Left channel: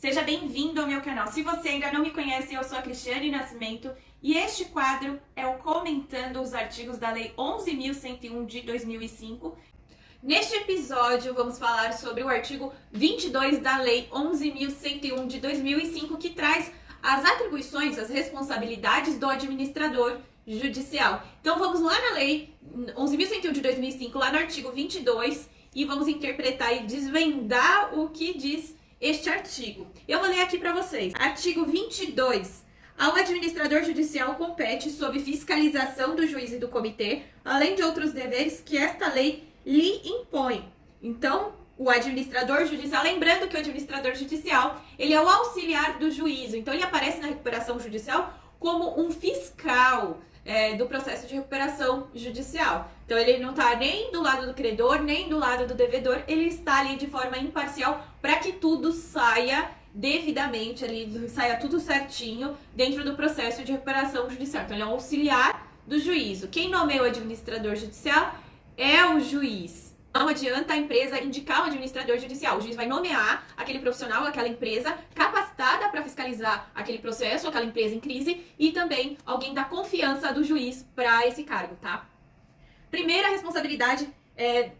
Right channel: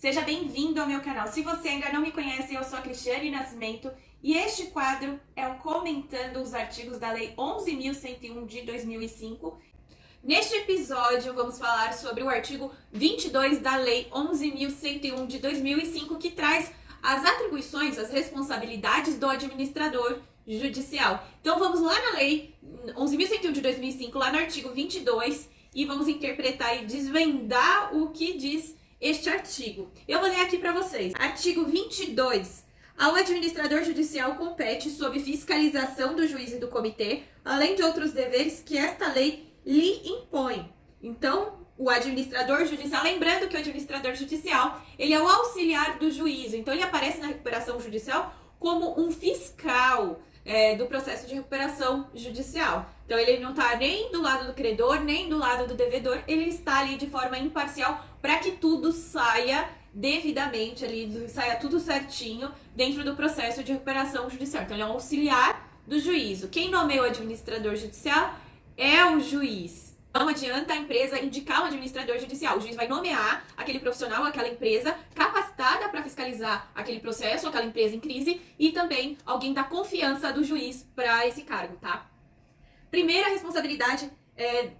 Seja bem-vindo ao meu canal. Se você ainda não me conhece, eu sou a Cristiane Nascimento e este quadro é o Comentando os Artigos da Lei 11.101 de 2005. Neste episódio, vamos falar sobre o artigo 22 da Lei 11.101 de 2005, que traz as atribuições, as responsabilidades do administrador judicial. Então, vamos lá na Lei 11.101 de 2005, lá no artigo 22, e vamos interpretar e desvendar o que diz este artigo. Eu vou ler aqui para vocês. Artigo 22. Ao administrador judicial compete, sob fiscalização do juiz e do comitê, além de outros deveres que esta lei lhe impõe. Então, o administrador judicial, lembrando que o administrador judicial, ele é o auxiliar do juízo. Então, ele aparece na recuperação judicial como um fiscal do processo de recuperação judicial. Então, ele não está nem do lado do credor, nem do lado do devedor, ele está ali de forma imparcial para que tudo saia devidamente, ali, saia tudo certinho dentro do processo de recuperação judicial. Então, ele é um auxiliar do juízo. Quem nomeia o administrador judicial é o juiz. Não adianta a empresa indicar um administrador judicial. O juiz vai nomear aquele profissional, aquela empresa capacitada para fiscalizar aquele processo, aquela empresa em crise, e também alguém da confiança do juiz para esse cargo, tá? Primeira responsabilidade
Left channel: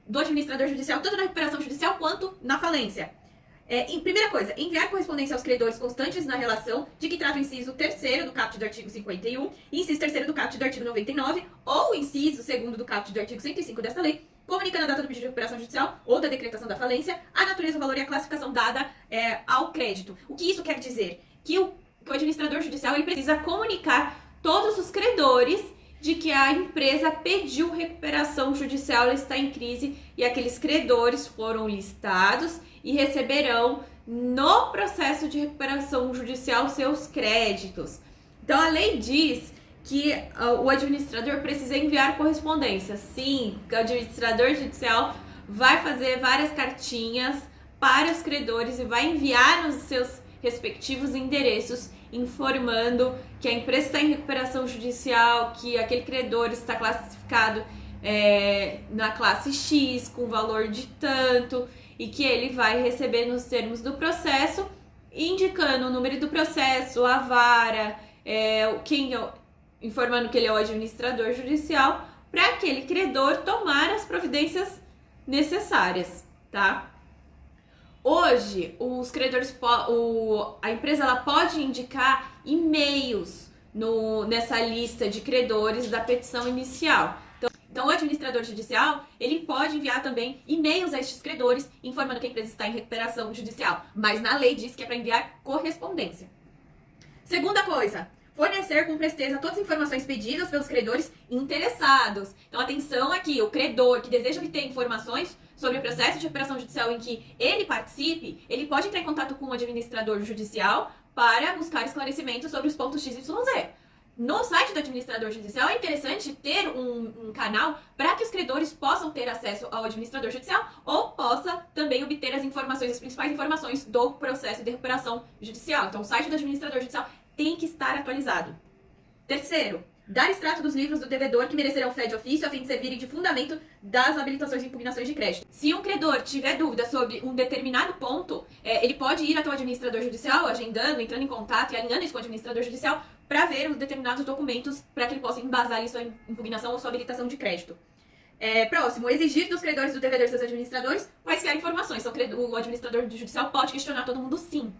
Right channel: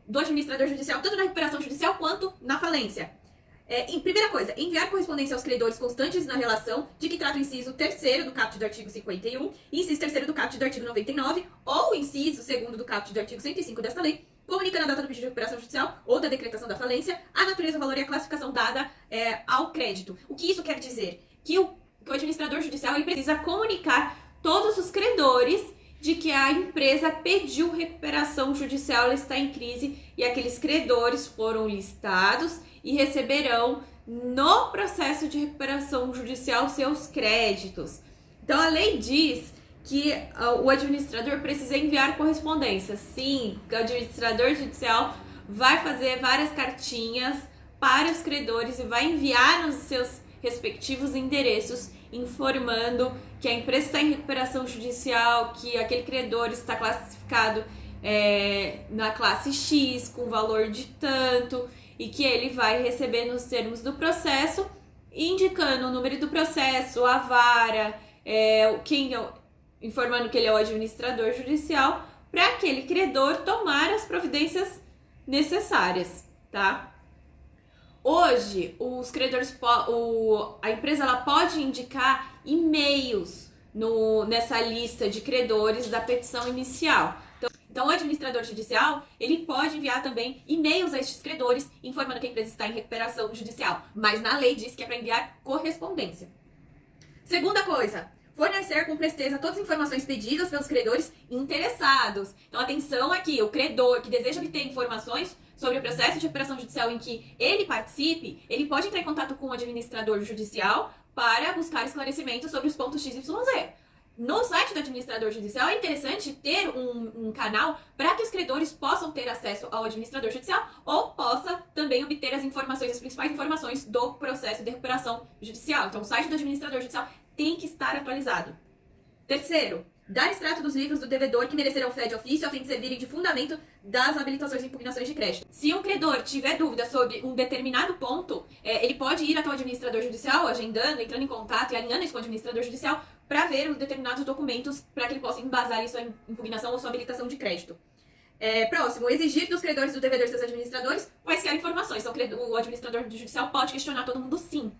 do administrador judicial, tanto na recuperação judicial quanto na falência. Primeira coisa, enviar correspondência aos credores constantes na relação de que trata o inciso 3º do caput do artigo 51 e inciso 3º do caput do artigo 99 ou inciso 2º do caput do artigo 105 desta lei, comunicando a data do pedido de recuperação judicial ou da decretação da falência, a natureza, o valor e a classificação dada ao crédito. O que isso quer dizer? Que o administrador judicial ele precisa comunicar todos os credores de que a empresa pediu recuperação judicial, ela está em crise e aqueles credores foram listados e receberão no processo de recuperação judicial seus créditos. Então a lei diz que o administrador precisa enviar correspondência. Sim, o administrador judicial vai fazer várias cartinhas para os credores e vai enviar nos seus respectivos endereços informando que a empresa está em recuperação judicial, que aquele credor está classificado na classe X com valor de tanto e que ele vai receber nos termos do processo, indicando o número do processo, a vara, informando que ele é o administrador judicial, para aquele credor tomar as providências necessárias, tá? Hoje, os credores, a empresa ela pode indicar e-mails nessa lista de credores da petição inicial. Então, o administrador judicial, ele pode enviar também e-mails a estes credores, informando que a empresa está em recuperação judicial. Mas na lei diz que é para enviar correspondência. Segunda coisa, fornecer com presteza todas as informações pedidas pelos credores interessados. Então, atenção aqui, o credor que deseja obter informações sobre o processo de recuperação judicial em que ele participe, ele pode entrar em contato com o administrador judicial para buscar esclarecimentos sobre os pontos X, Y, Z. No site do administrador judicial é interessante ter um canal para que os credores possam ter acesso ao administrador judicial ou possa também obter as informações, as principais informações do processo de recuperação judicial. Então, o site do administrador judicial tem que estar atualizado. Terceiro, dar extrato dos livros do devedor que merecerão fé de ofício a fim de servirem de fundamento das habilitações e impugnações de crédito. Se um credor tiver dúvida sobre um determinado ponto, ele pode ir até o administrador judicial, agendando, entrando em contato e alinhando isso com o administrador judicial para ver os determinados documentos para que ele possa embasar ali sua impugnação ou sua habilitação de crédito. Próximo, exigir dos credores do devedor e seus administradores quaisquer informações. Então, o administrador judicial pode questionar todo mundo sim.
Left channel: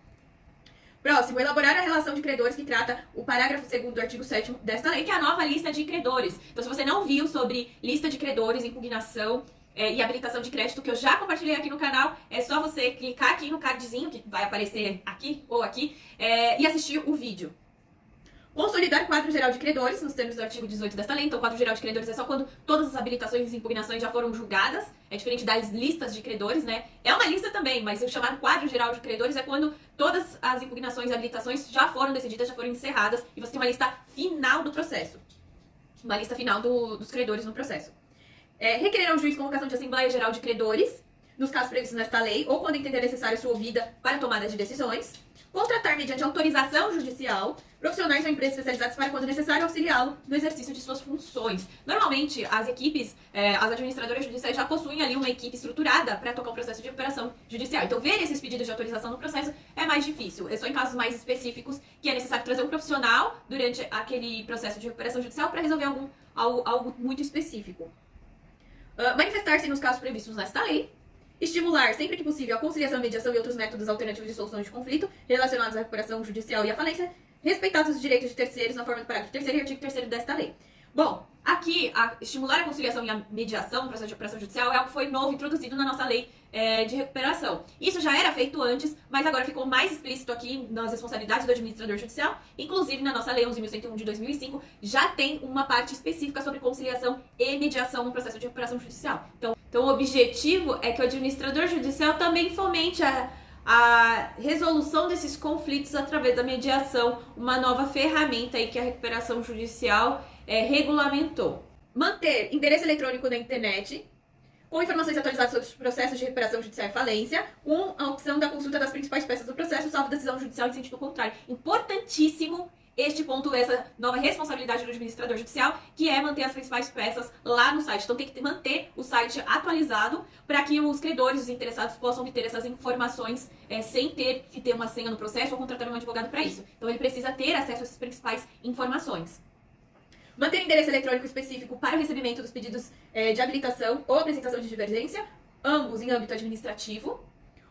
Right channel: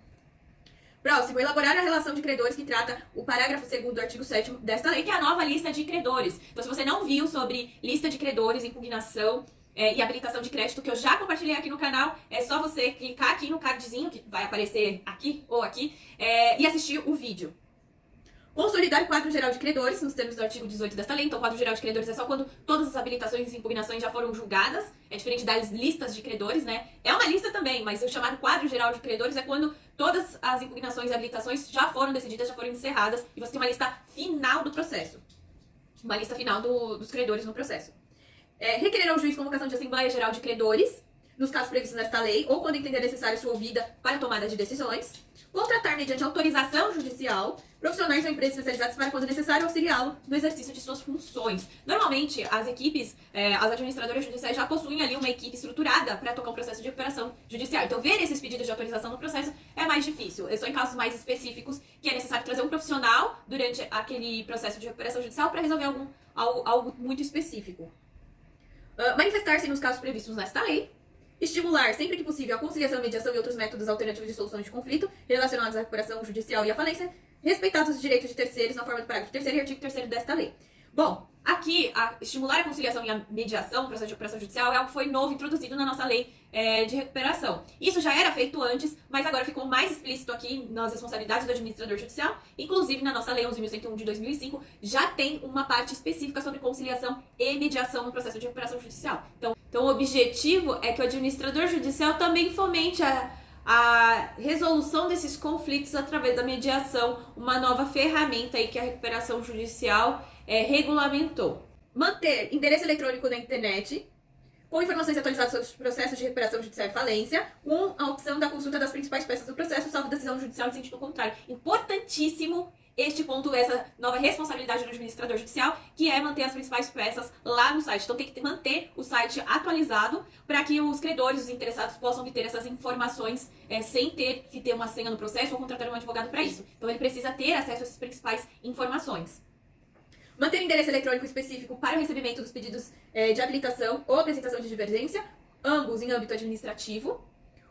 Próximo, elaborar a relação de credores que trata o parágrafo 2º do artigo 7º desta lei, que é a nova lista de credores. Então, se você não viu sobre lista de credores, impugnação e habilitação de crédito, que eu já compartilhei aqui no canal, é só você clicar aqui no cardzinho, que vai aparecer aqui ou aqui, e assistir o vídeo. Consolidar quadro geral de credores, nos termos do artigo 18 desta lei. Então, o quadro geral de credores é só quando todas as habilitações e impugnações já foram julgadas. É diferente das listas de credores, né? É uma lista também, mas o chamado quadro geral de credores é quando todas as impugnações e habilitações já foram decididas, já foram encerradas e você tem uma lista final do processo. Uma lista final dos credores no processo. Requerer ao juiz convocação de Assembleia Geral de Credores, nos casos previstos nesta lei, ou quando entender necessário sua ouvida para a tomada de decisões. Contratar, mediante autorização judicial, profissionais ou empresas especializadas para, quando necessário, auxiliá-lo no exercício de suas funções. Normalmente, as equipes, as administradoras judiciais já possuem ali uma equipe estruturada para tocar o processo de recuperação judicial. Então, ver esses pedidos de autorização no processo é mais difícil. É só em casos mais específicos que é necessário trazer um profissional durante aquele processo de recuperação judicial para resolver algo muito específico. Manifestar-se nos casos previstos nesta lei. Estimular, sempre que possível, a conciliação, a mediação e outros métodos alternativos de solução de conflito relacionados à recuperação judicial e à falência, respeitados os direitos de terceiros na forma do parágrafo 3º e artigo 3º desta lei. Bom, aqui, estimular a conciliação e a mediação no processo de recuperação judicial é algo que foi novo, introduzido na nossa lei de recuperação. Isso já era feito antes, mas agora ficou mais explícito aqui nas responsabilidades do administrador judicial. Inclusive, na nossa lei 11.101 de 2005, já tem uma parte específica sobre conciliação e mediação no processo de recuperação judicial. Então, o objetivo é que o administrador judicial também fomente a resolução desses conflitos através da mediação, uma nova ferramenta aí que a recuperação judicial regulamentou. Manter endereço eletrônico na internet, com informações atualizadas sobre os processos de recuperação judicial e falência, com a opção da consulta das principais peças do processo, salvo decisão judicial em sentido contrário. Importantíssimo este ponto, essa nova responsabilidade do administrador judicial, que é manter as principais peças lá no site. Então tem que manter o site atualizado para que os credores, os interessados, possam obter essas informações sem ter que ter uma senha no processo ou contratar um advogado para isso. Então ele precisa ter acesso a essas principais informações. Manter endereço eletrônico específico para o recebimento dos pedidos de habilitação ou apresentação de divergência, ambos em âmbito administrativo,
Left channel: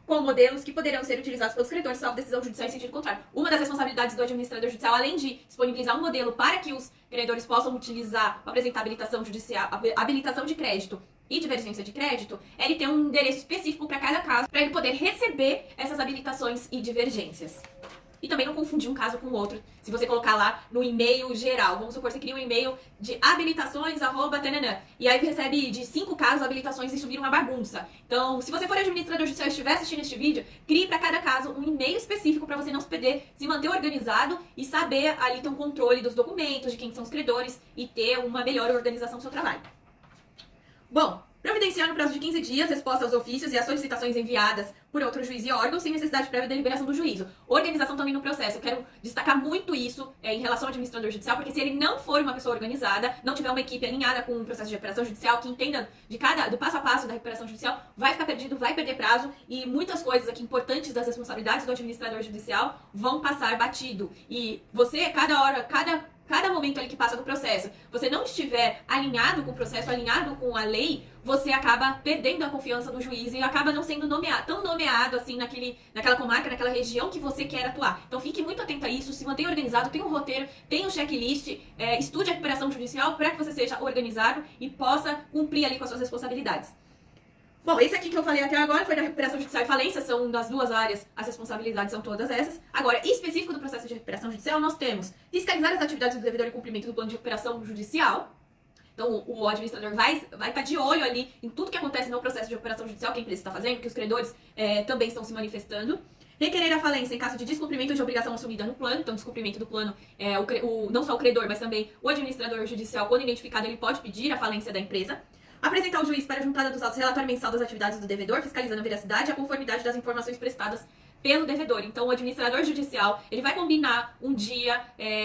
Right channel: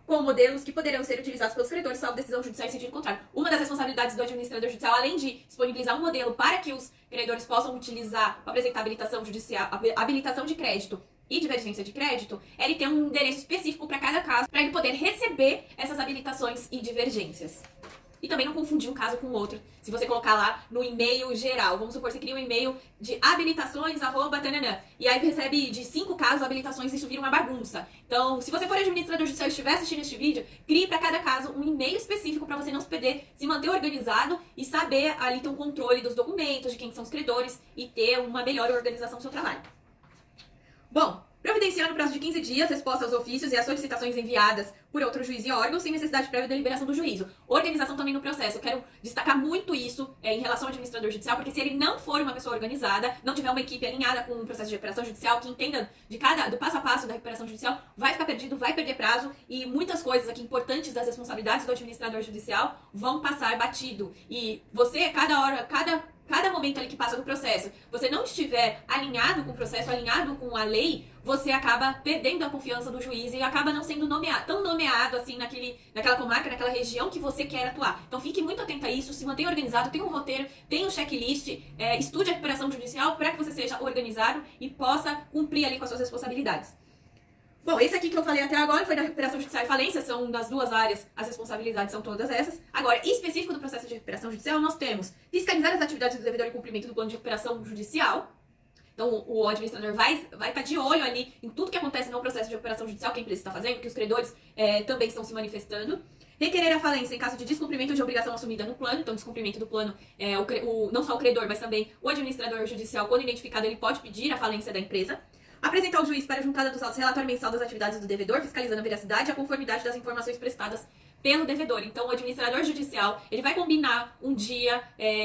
com modelos que poderão ser utilizados pelos credores, salvo decisão judicial em sentido contrário. Uma das responsabilidades do administrador judicial, além de disponibilizar um modelo para que os credores possam utilizar para apresentar habilitação judicial, habilitação de crédito e divergência de crédito, é ele ter um endereço específico para cada caso, para ele poder receber essas habilitações e divergências. E também não confundir um caso com o outro. Se você colocar lá no e-mail geral, vamos supor que você cria um e-mail de habilitações, @tananã, e aí recebe de 5 casos habilitações e isso vira uma bagunça. Então, se você for administrador judicial e estiver assistindo este vídeo, crie para cada caso um e-mail específico para você não se perder, se manter organizado e saber ali ter um controle dos documentos, de quem são os credores e ter uma melhor organização do seu trabalho. Bom, providenciar no prazo de 15 dias resposta aos ofícios e às solicitações enviadas por outro juiz e órgão, sem necessidade prévia de deliberação do juízo. Organização também no processo. Eu quero destacar muito isso em relação ao administrador judicial, porque se ele não for uma pessoa organizada, não tiver uma equipe alinhada com o processo de recuperação judicial, que entenda do passo a passo da recuperação judicial, vai ficar perdido, vai perder prazo, e muitas coisas aqui importantes das responsabilidades do administrador judicial vão passar batido. E você, cada momento ali que passa do processo, você não estiver alinhado com o processo, alinhado com a lei, você acaba perdendo a confiança do juiz e acaba não sendo tão nomeado assim naquela comarca, naquela região que você quer atuar. Então fique muito atento a isso, se mantenha organizado, tenha um roteiro, tenha um checklist, estude a recuperação judicial para que você seja organizado e possa cumprir ali com as suas responsabilidades. Bom, esse aqui que eu falei até agora foi da recuperação judicial e falência, são das duas áreas, as responsabilidades são todas essas. Agora, específico do processo de recuperação judicial, nós temos fiscalizar as atividades do devedor em cumprimento do plano de recuperação judicial. Então, o administrador vai estar de olho ali em tudo que acontece no processo de recuperação judicial, que a empresa está fazendo, que os credores também estão se manifestando. Requerer a falência em caso de descumprimento de obrigação assumida no plano. Então, descumprimento do plano, não só o credor, mas também o administrador judicial, quando identificado, ele pode pedir a falência da empresa. Apresentar ao juiz para a juntada dos autos relatório mensal das atividades do devedor, fiscalizando a veracidade e a conformidade das informações prestadas pelo devedor. Então, o administrador judicial, ele vai combinar um dia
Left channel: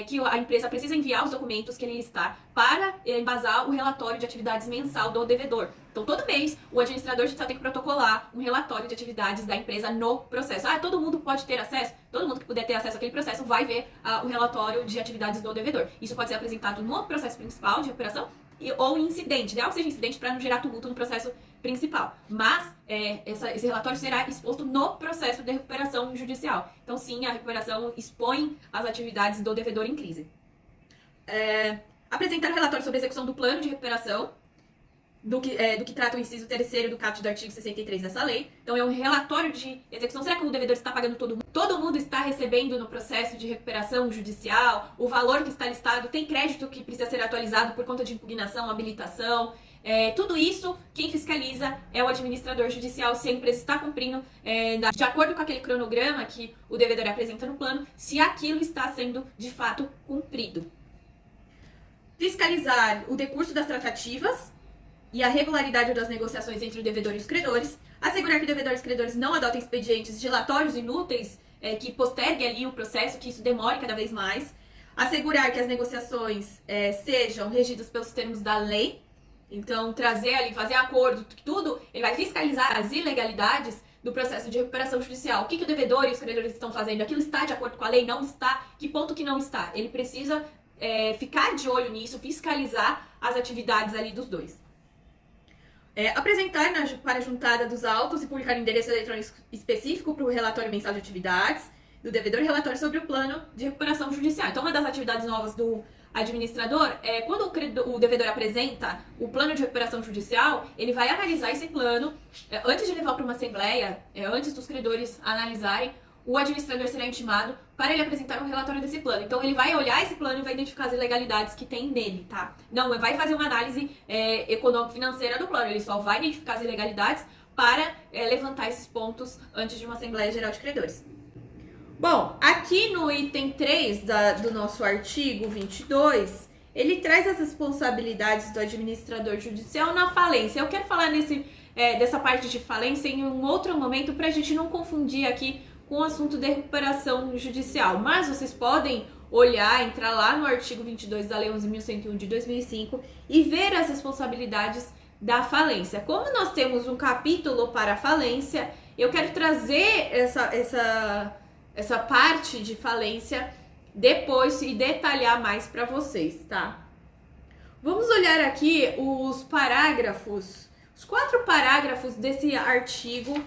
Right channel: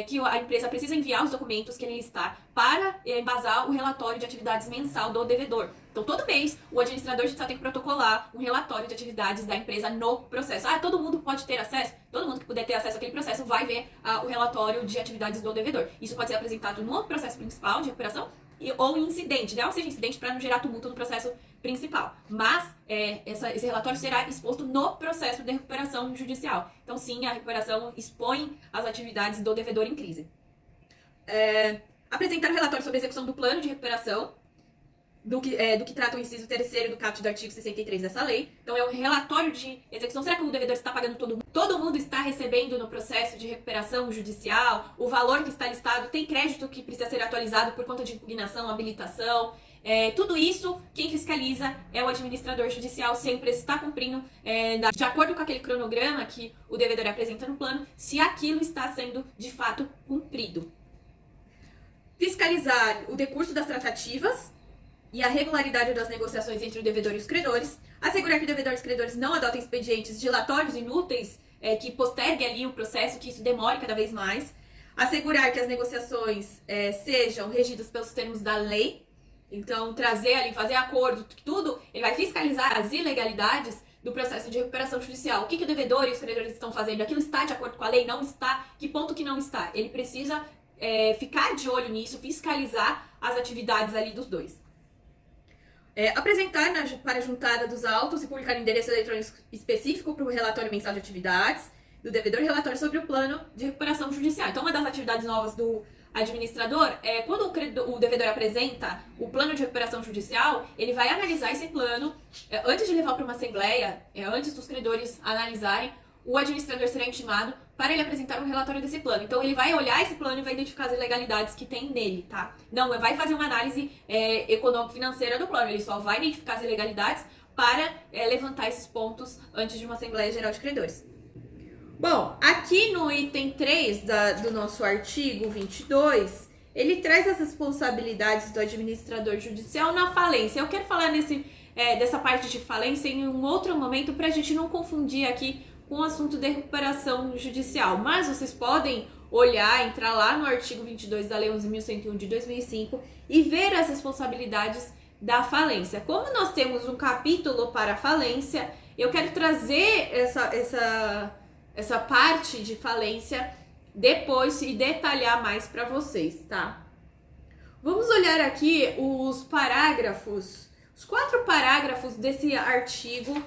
que a empresa precisa enviar os documentos que ele está para embasar o relatório de atividades mensal do devedor. Então, todo mês, o administrador judicial tem que protocolar um relatório de atividades da empresa no processo. Todo mundo pode ter acesso? Todo mundo que puder ter acesso àquele processo vai ver o relatório de atividades do devedor. Isso pode ser apresentado no processo principal de recuperação ou em incidente. Ideal que seja incidente para não gerar tumulto no processo principal. Mas esse relatório será exposto no processo de recuperação judicial. Então, sim, a recuperação expõe as atividades do devedor em crise. Apresentar o relatório sobre a execução do plano de recuperação, do que trata o inciso 3º do caput do artigo 63 dessa lei. Então, é um relatório de execução. Será que o devedor está pagando todo mundo? Todo mundo está recebendo no processo de recuperação judicial? O valor que está listado? Tem crédito que precisa ser atualizado por conta de impugnação, habilitação? Tudo isso, quem fiscaliza é o administrador judicial, se a empresa está cumprindo de acordo com aquele cronograma que o devedor apresenta no plano, se aquilo está sendo de fato cumprido. Fiscalizar o decurso das tratativas e a regularidade das negociações entre o devedor e os credores, assegurar que o devedor e os credores não adotem expedientes dilatórios inúteis que posterguem ali o processo, que isso demore cada vez mais, assegurar que as negociações sejam regidas pelos termos da lei. Então, trazer ali, fazer acordo, tudo, ele vai fiscalizar as ilegalidades do processo de recuperação judicial. O que o devedor e os credores estão fazendo? Aquilo está de acordo com a lei? Não está? Que ponto que não está? Ele precisa ficar de olho nisso, fiscalizar as atividades ali dos dois. Apresentar para a juntada dos autos e publicar endereço eletrônico específico para o relatório mensal de atividades do devedor e relatório sobre o plano de recuperação judicial. Então, uma das atividades novas do administrador é quando o devedor apresenta o plano de recuperação judicial, ele vai analisar esse plano antes de levar para uma assembleia, antes dos credores analisarem, o administrador será intimado para ele apresentar um relatório desse plano. Então, ele vai olhar esse plano e vai identificar as ilegalidades que tem nele, tá? Não vai fazer uma análise econômico-financeira do plano, ele só vai identificar as ilegalidades para levantar esses pontos antes de uma Assembleia Geral de Credores. Bom, aqui no item 3 do nosso artigo 22, ele traz as responsabilidades do administrador judicial na falência. Eu quero falar dessa parte de falência em um outro momento para a gente não confundir aqui com o assunto de recuperação judicial. Mas vocês podem entrar lá no artigo 22 da Lei 11.101 de 2005 e ver as responsabilidades da falência. Como nós temos um capítulo para a falência, eu quero trazer essa parte de falência depois e detalhar mais para vocês, tá? Vamos olhar aqui os 4 parágrafos desse artigo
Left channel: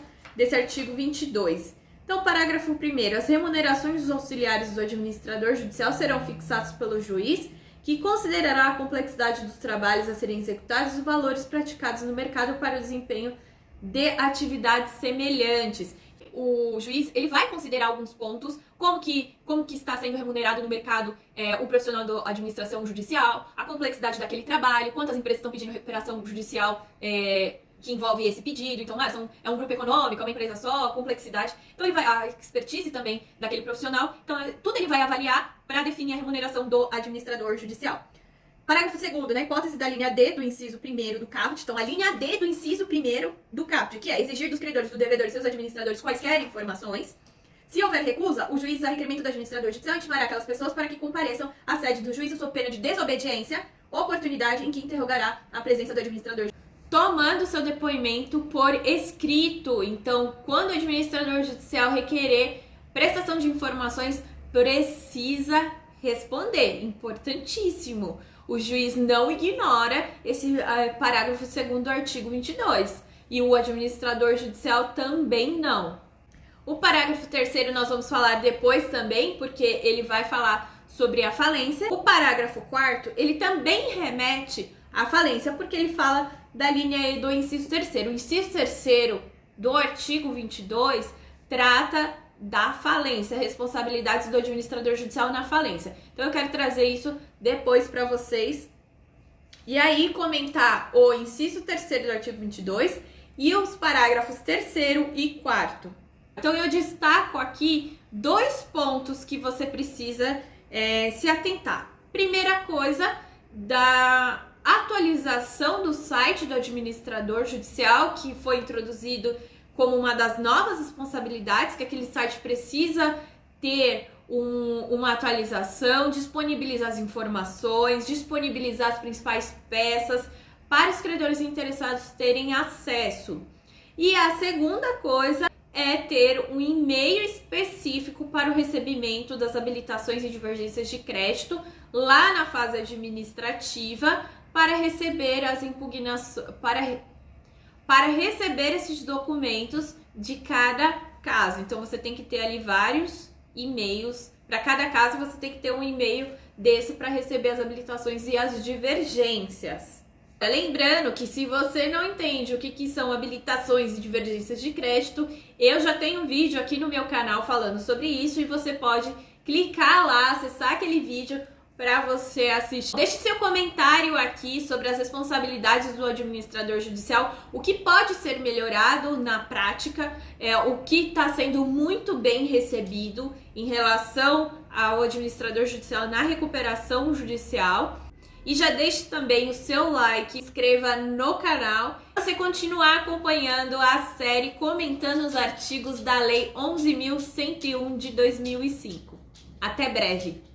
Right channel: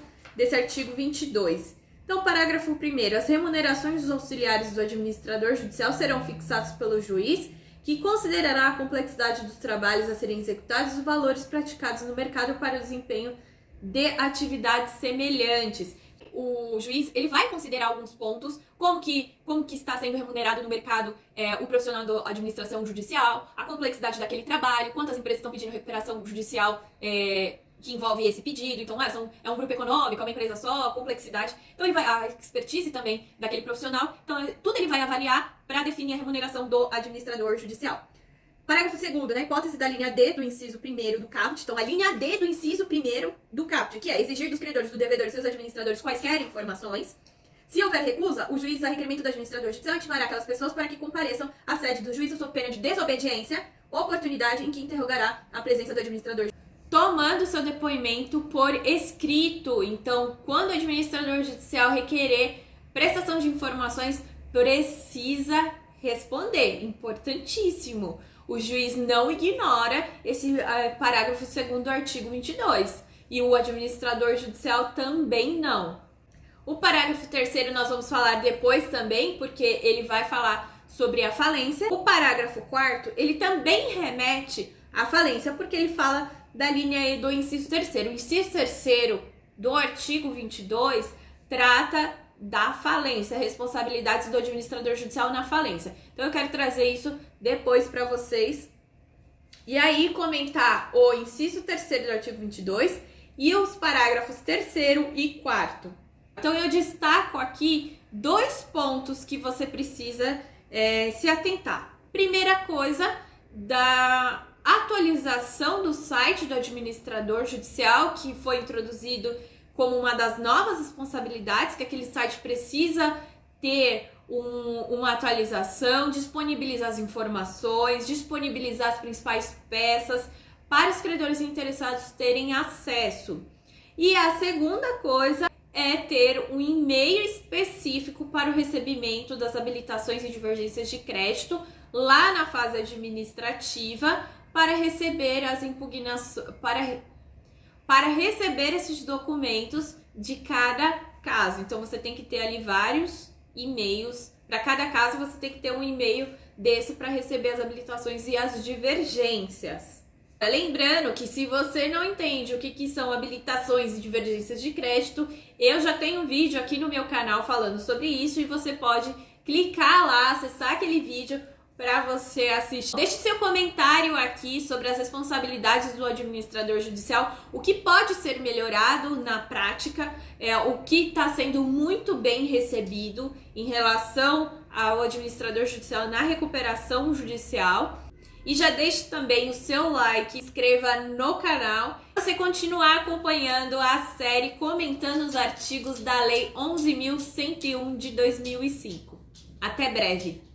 22. Então, parágrafo 1º, as remunerações dos auxiliares do administrador judicial serão fixadas pelo juiz, que considerará a complexidade dos trabalhos a serem executados e os valores praticados no mercado para o desempenho de atividades semelhantes. O juiz ele vai considerar alguns pontos, como que está sendo remunerado no mercado o profissional da administração judicial, a complexidade daquele trabalho, quantas empresas estão pedindo recuperação judicial que envolve esse pedido. Então, é um grupo econômico, é uma empresa só, a complexidade. Então, a expertise também daquele profissional. Então, tudo ele vai avaliar para definir a remuneração do administrador judicial. Parágrafo 2º, na hipótese da linha D do inciso 1º do caput, então a linha D do inciso 1º do caput, que é exigir dos credores, do devedor e seus administradores quaisquer informações. Se houver recusa, o juiz, a requerimento do administrador judicial, intimará aquelas pessoas para que compareçam à sede do juízo sob pena de desobediência, oportunidade em que interrogará a presença do administrador, tomando seu depoimento por escrito. Então, quando o administrador judicial requerer prestação de informações, precisa responder. Importantíssimo. O juiz não ignora esse parágrafo 2º do artigo 22. E o administrador judicial também não. O parágrafo 3º nós vamos falar depois também, porque ele vai falar sobre a falência. O parágrafo 4º, ele também remete à falência, porque ele fala da linha E do inciso 3º. O inciso 3º do artigo 22 trata da falência, responsabilidades do administrador judicial na falência. Então, eu quero trazer isso depois para vocês. E aí, comentar o inciso 3º do artigo 22 e os parágrafos 3º e 4º. Então, eu destaco aqui 2 pontos que você precisa se atentar. Primeira coisa, da atualização do site do administrador judicial, que foi introduzido como uma das novas responsabilidades, que aquele site precisa ter uma atualização, disponibilizar as informações, disponibilizar as principais peças para os credores interessados terem acesso. E a segunda coisa é ter um e-mail específico para o recebimento das habilitações e divergências de crédito lá na fase administrativa para receber as impugnações, para receber esses documentos de cada caso. Então, você tem que ter ali vários e-mails. Para cada caso, você tem que ter um e-mail desse para receber as habilitações e as divergências. Lembrando que se você não entende o que são habilitações e divergências de crédito, eu já tenho um vídeo aqui no meu canal falando sobre isso e você pode clicar lá, acessar aquele vídeo para você assistir. Deixe seu comentário aqui sobre as responsabilidades do administrador judicial, o que pode ser melhorado na prática, o que está sendo muito bem recebido em relação ao administrador judicial na recuperação judicial. E já deixe também o seu like, inscreva no canal, para você continuar acompanhando a série comentando os artigos da Lei 11.101 de 2005. Até breve!